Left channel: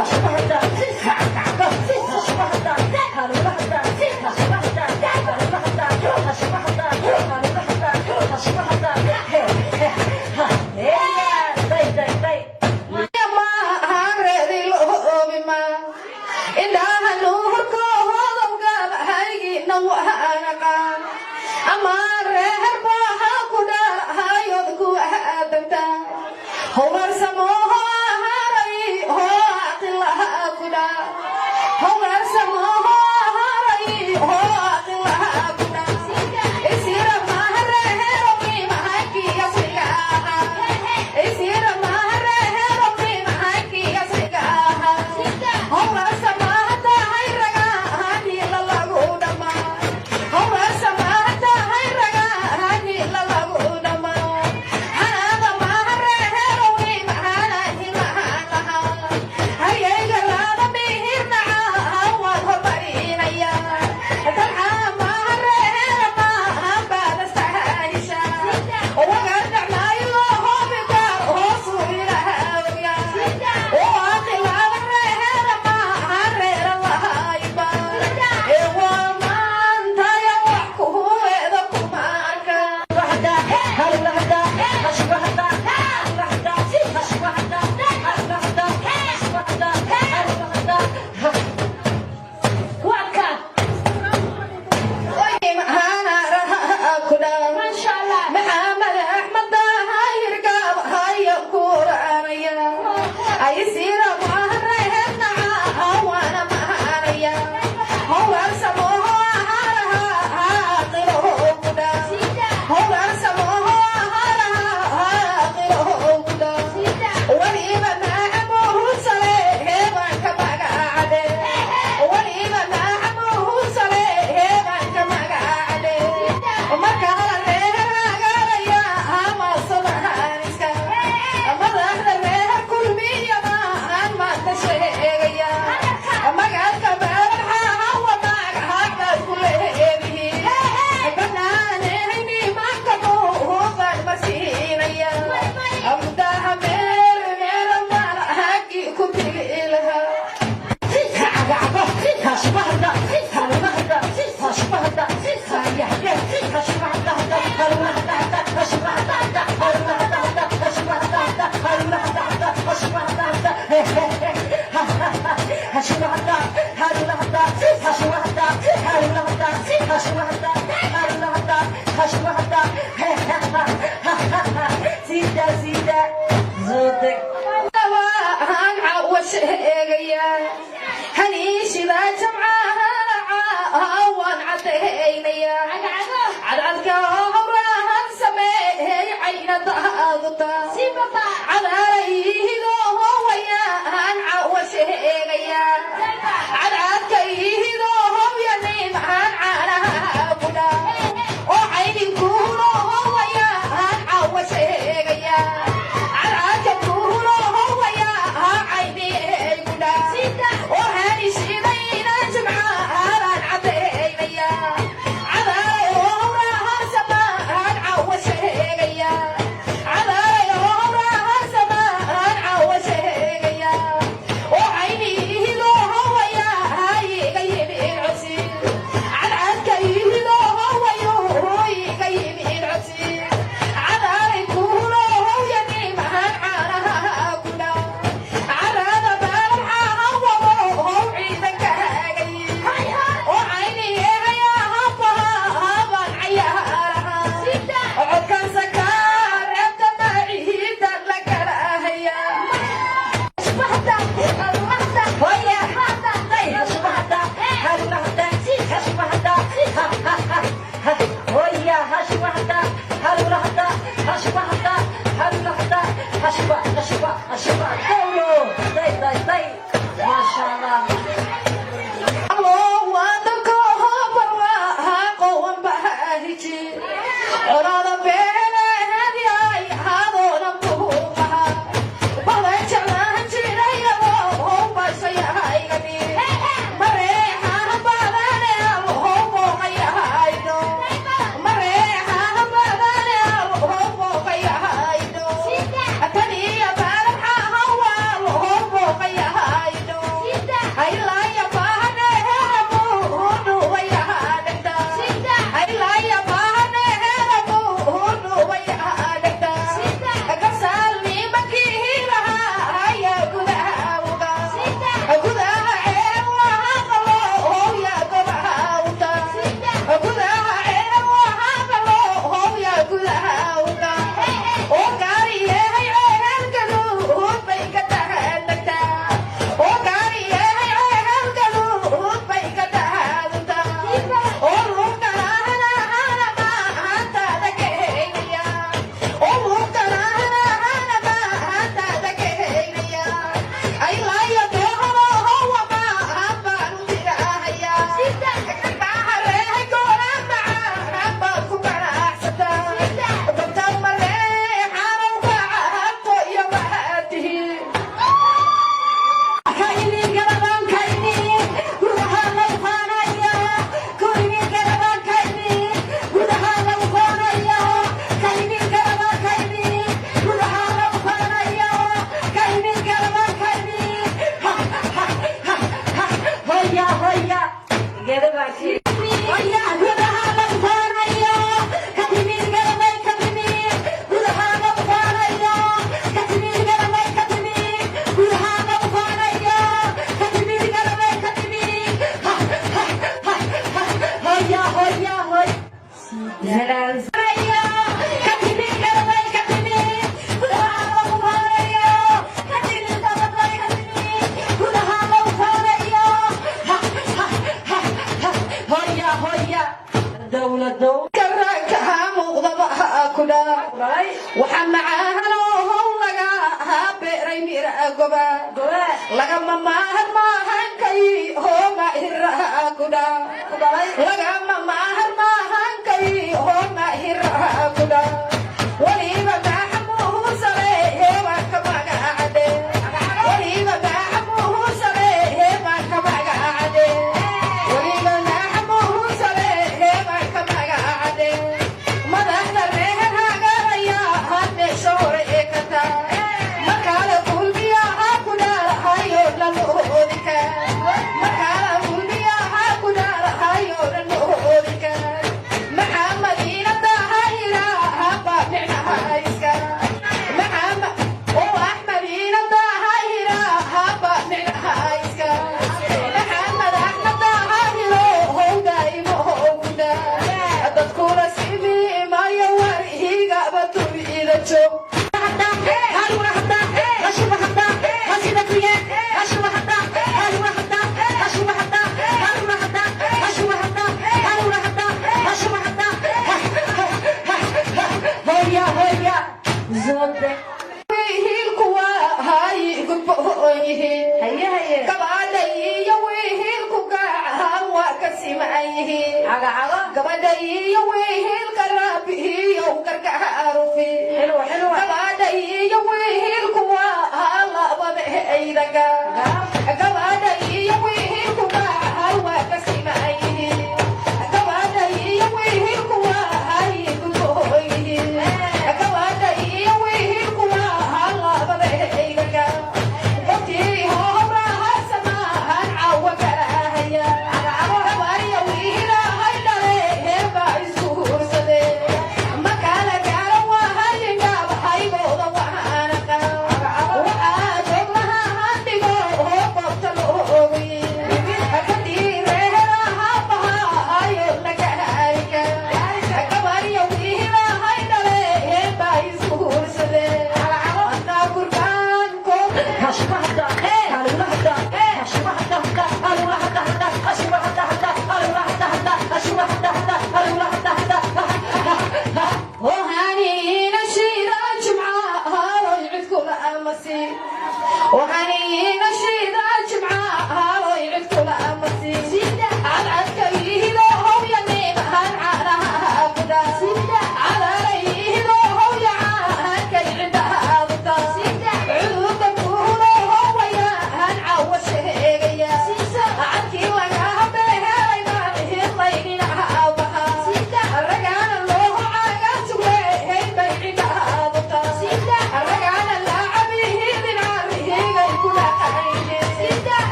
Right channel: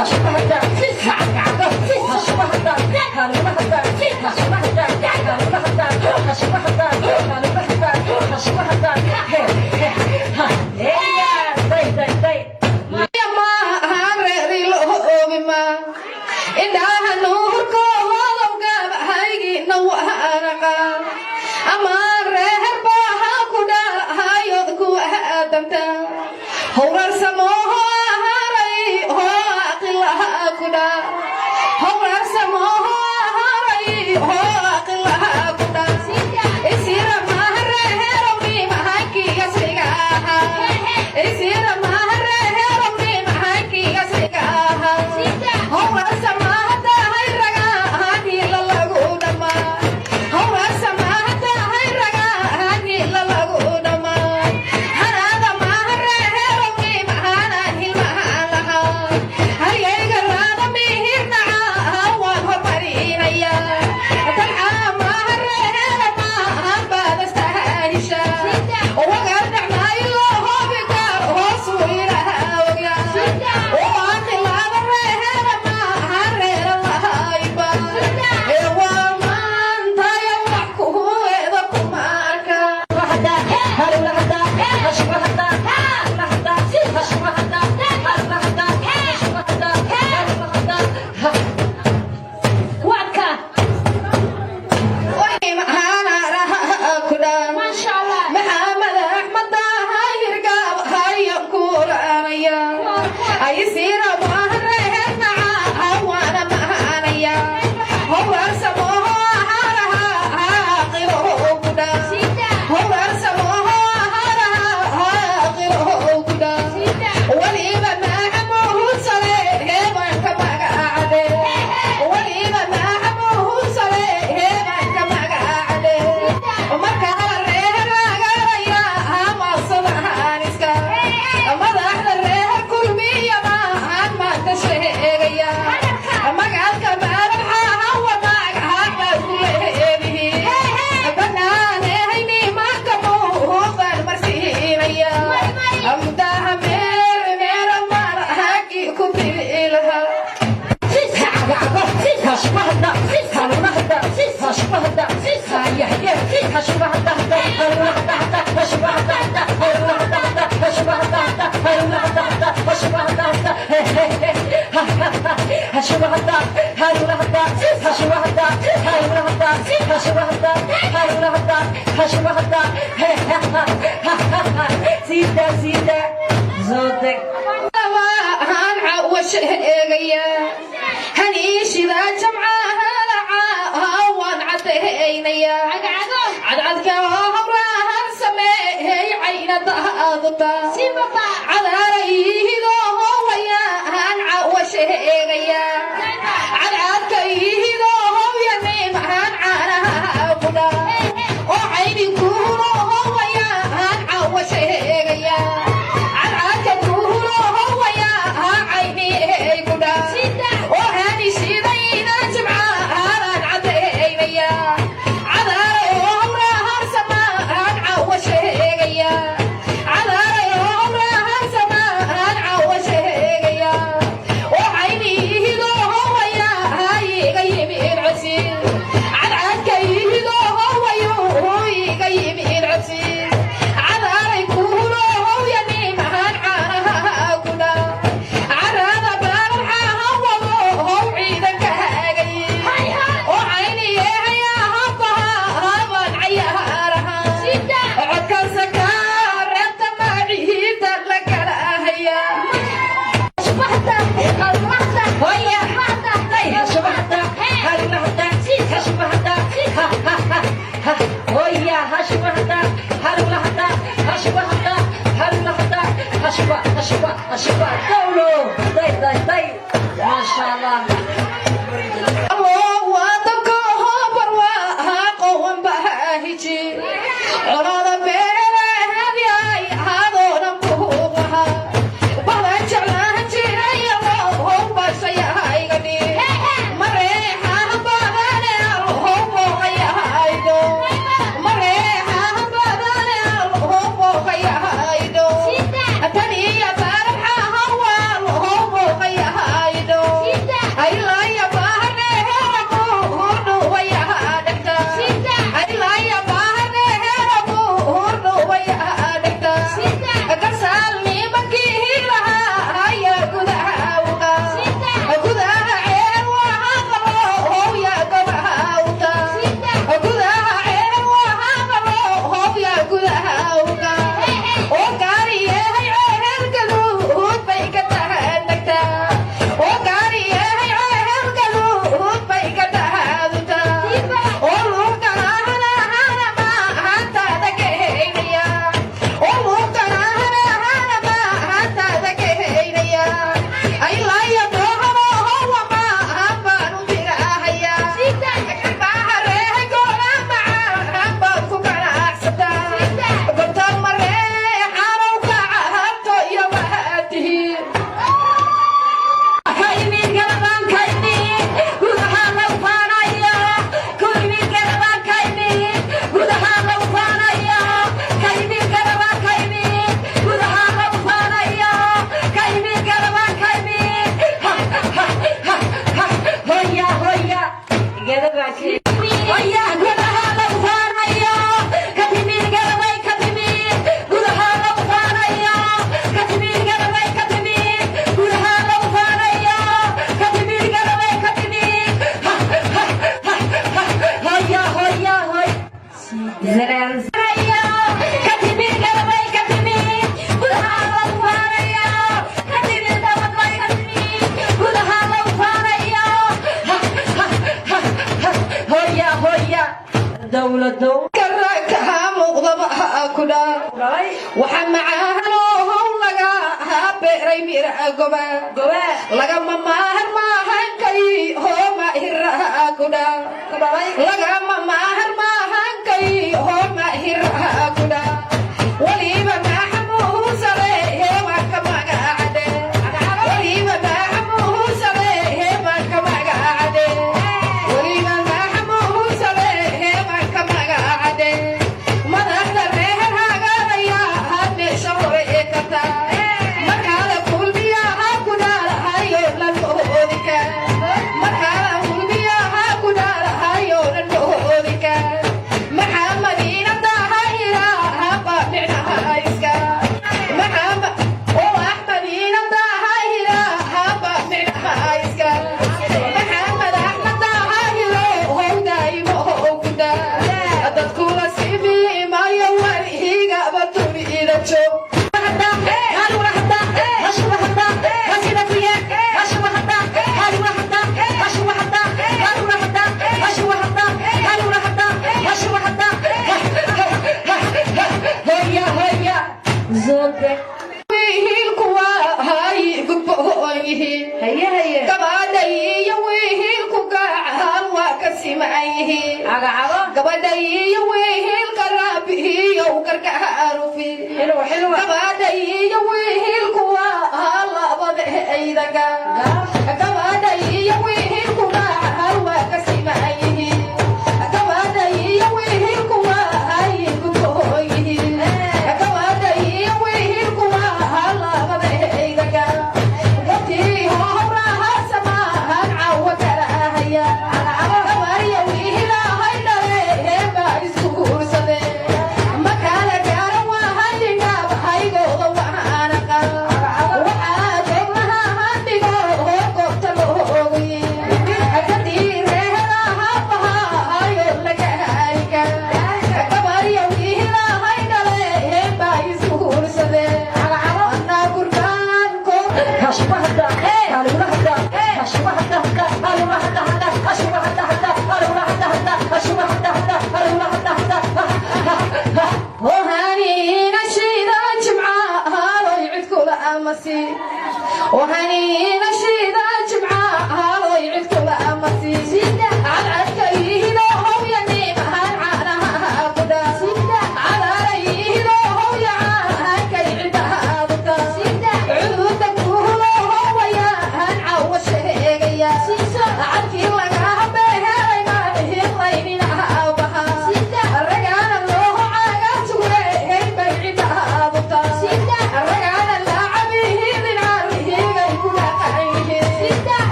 I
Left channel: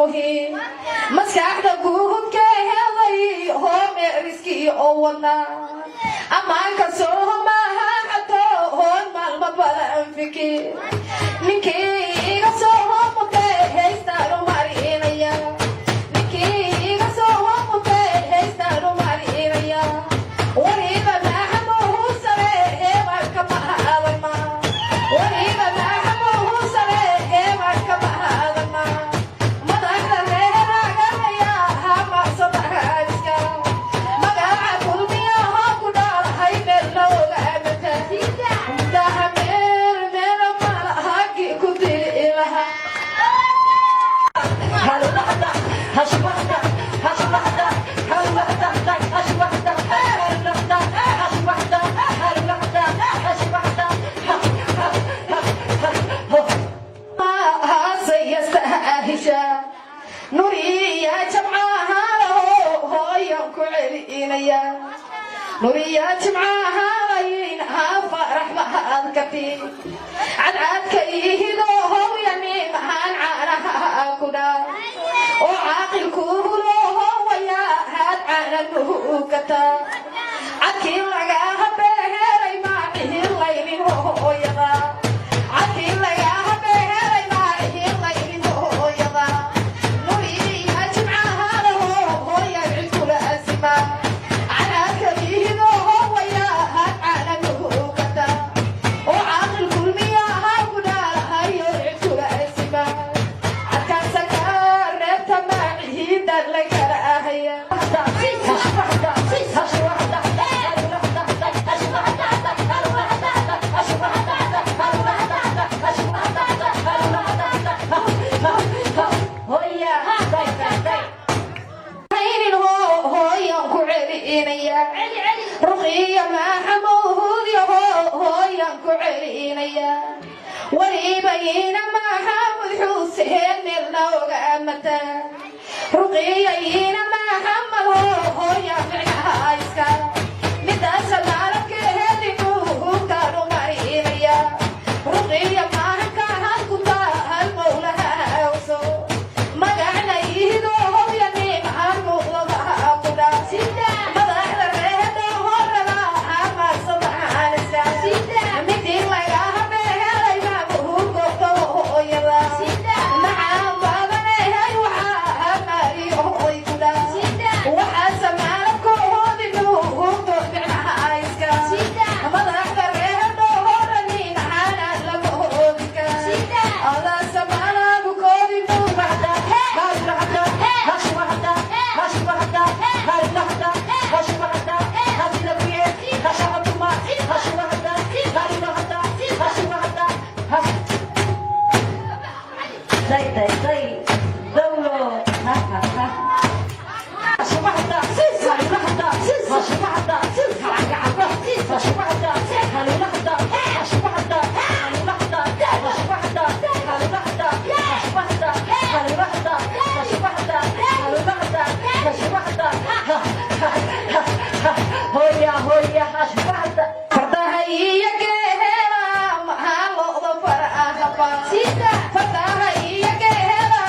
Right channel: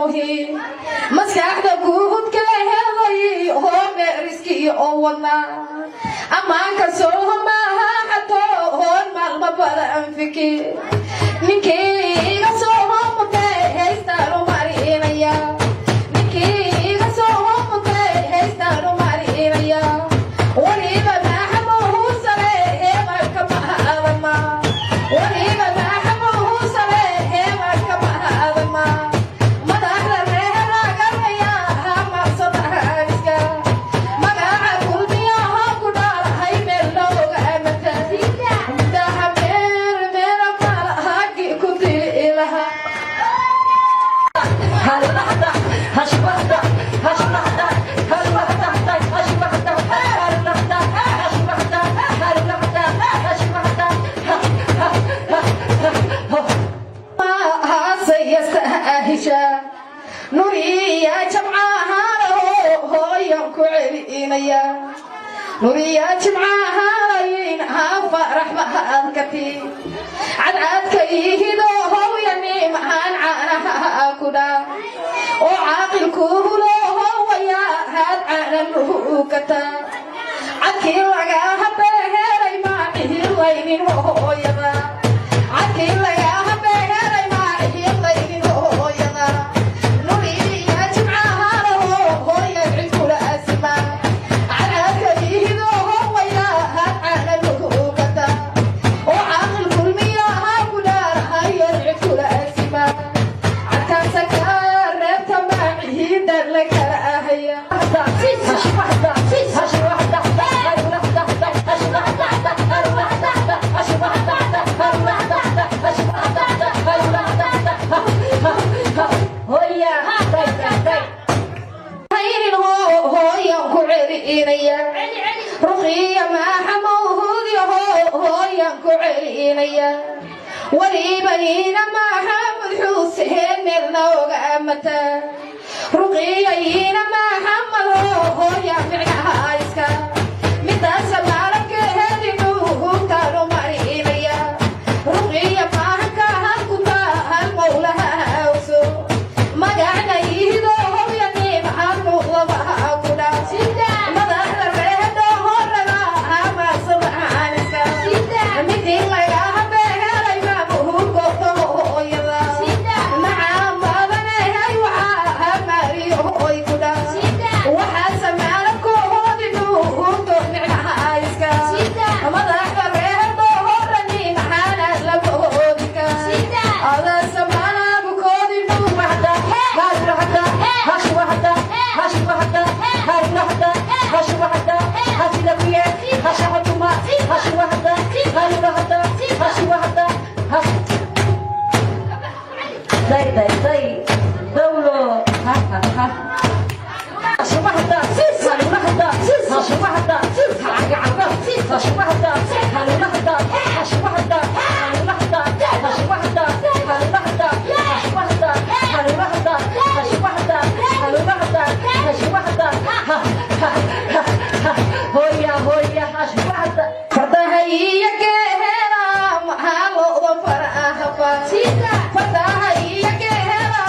muhiim maskaxda guudka helay home riski oo wadna amaanka soo maaha xato hoon maalma badan fikir ninkeyga soo mutay haystaanu marinaya ninkeyga soo mutay haystaanu marinaya waliba maxamuhu sare heebarka mahadama waliba maxamuhu sare heebarka mahadama madaxda reeraganaya hamacsadahaska magaca kulmiyaha ku dhaalahay meel looga amata intaha meel meela malahagi ku dili laha nuriya jamcaha hooyan ku celinaya nuriya jamcaha layin hafa raxmahadkati cadcadka ihido hooyani maxaan caanaha ku dhaa oo caaqilku hulo hooya had caananuhu kata cadkii lagaha beheray maacihi laynin hooyada cadkii lagaha beheray maacihi laynin hooyada nuriya jamcaha hooya cid kula asma cadcadka ihido hooya had caananuhu kata oo caaqil kulmiyaha ku dhaalahayo cid kula asma cadkaasaka reebta maacihiida la kala ahaya hooyan ku celinaya ruqiya maxamuud hooyan ku celinaya walibayna maxamud xuseen meel nooga amata ruqiyayna maxamad hooyan micnaha iska midaasa maalabka helinu kaalu marinaya ruqiya maanka halkuta hal qowlaha awso magacda ihido hooyani maxamuudlamaha ku dhaa madaxda reehda horana hamacsadahaaniska midii lagaha beheray maamuhu goobta hooyada maxaa baadanahay waxaa hamaariyo hooy ku dhaa waxaase maalabkoodinu hurto micnaha iska madaxda reehda horani maxaanaad laga hoodika alaasa maalabkoodinu fadahayiya geehela maxaa looda farahaba fadahayiya geehela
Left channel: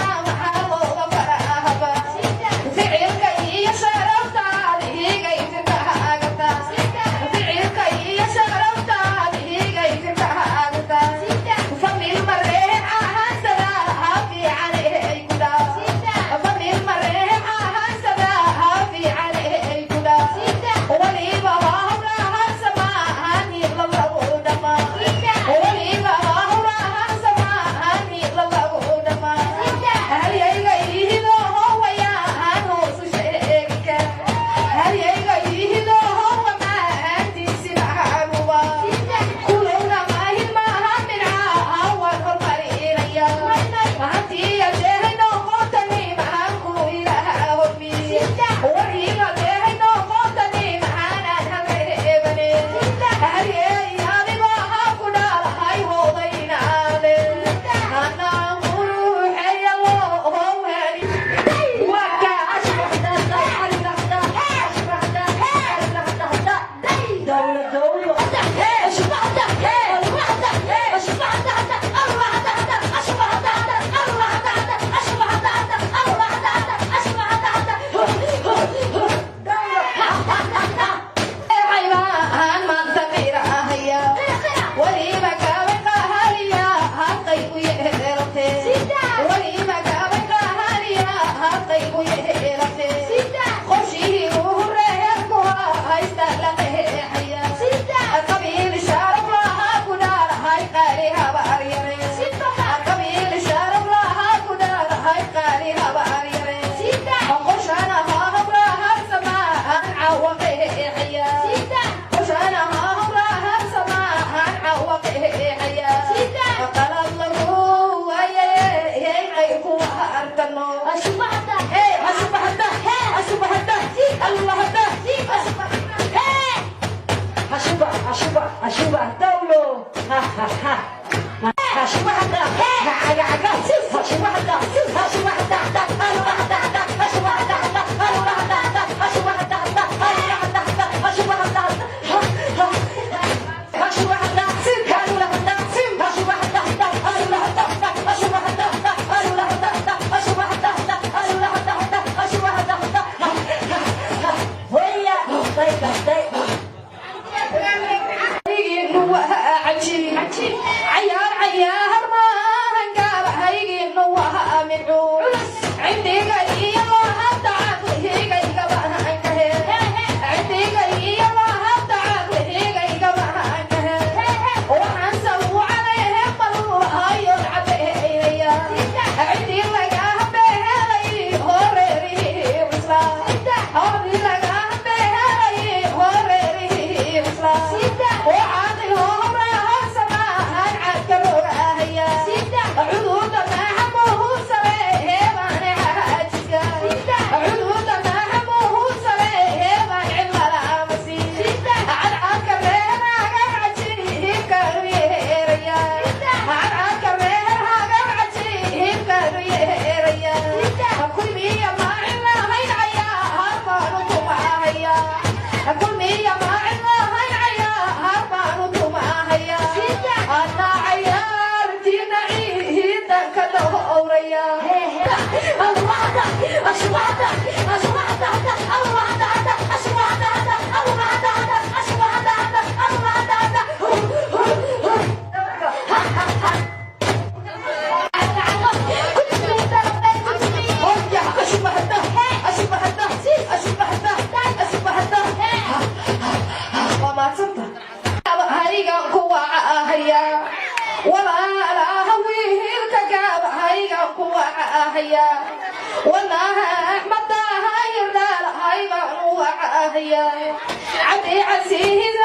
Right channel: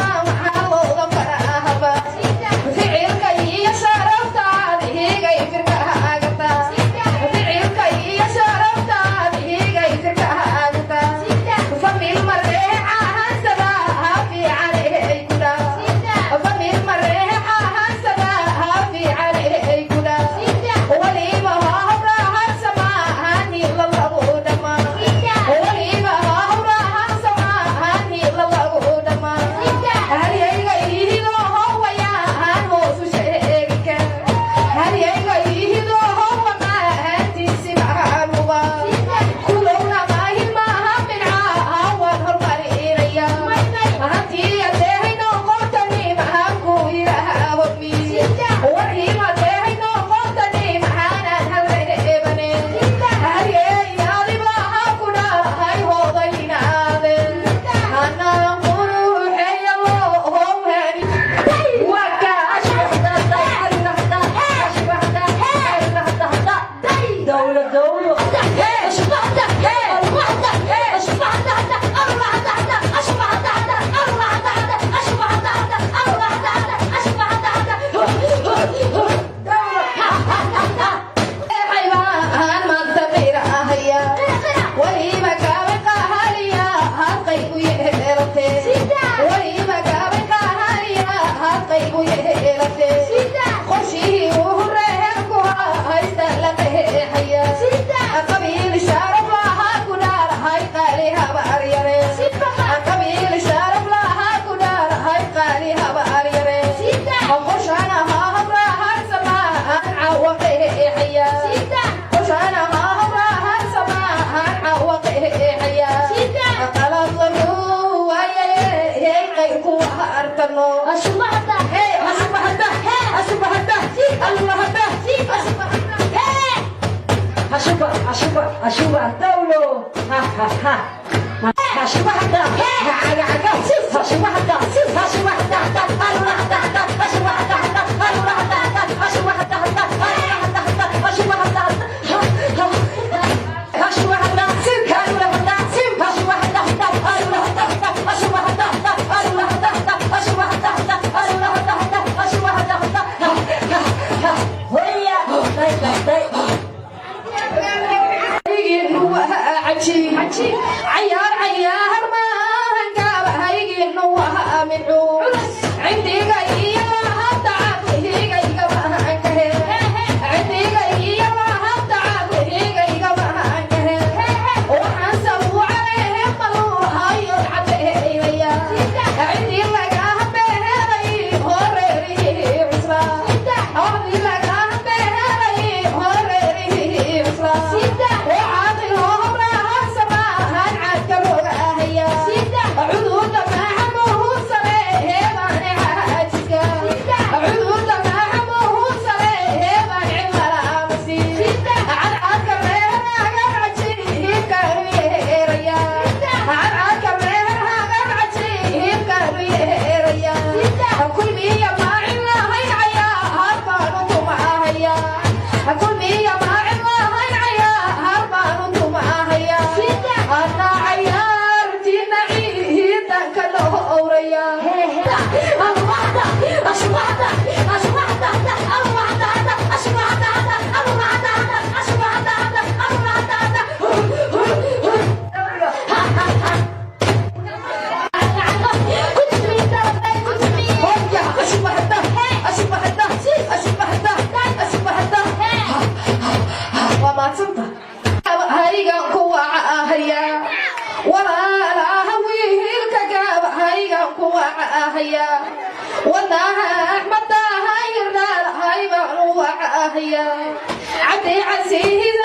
أرتنو أشبهته أشبهته أشبهته الله ده أشبه دولو ها ها ها أشبهته عيار عيار ما هنقال هيجي نوها مدعو عندي قاية ما هتعب هي قاية ما هنقه عندي قاية ما هتعب هي قاية ما هنقه وحسب وعليه مروها يلعب هي عندي لقاه بهذي هوري عسرا عندي لقاه بهذي هوري عسرا وعادي لهم عذود ما حموه سريه مانعها جسكا عذود ما حموه سريه مانعها مسير عالعاك الريرها قرعتيه كريريا عالعاك الريرها قرعتيه كريريا كل مية ما عنا هاي العيا هربانو معايا كل مية ما عنا هاي العيا هربانو معايا أنا عيار والله أحمد هاي النار هاي بنوع هيا عبدي عزيز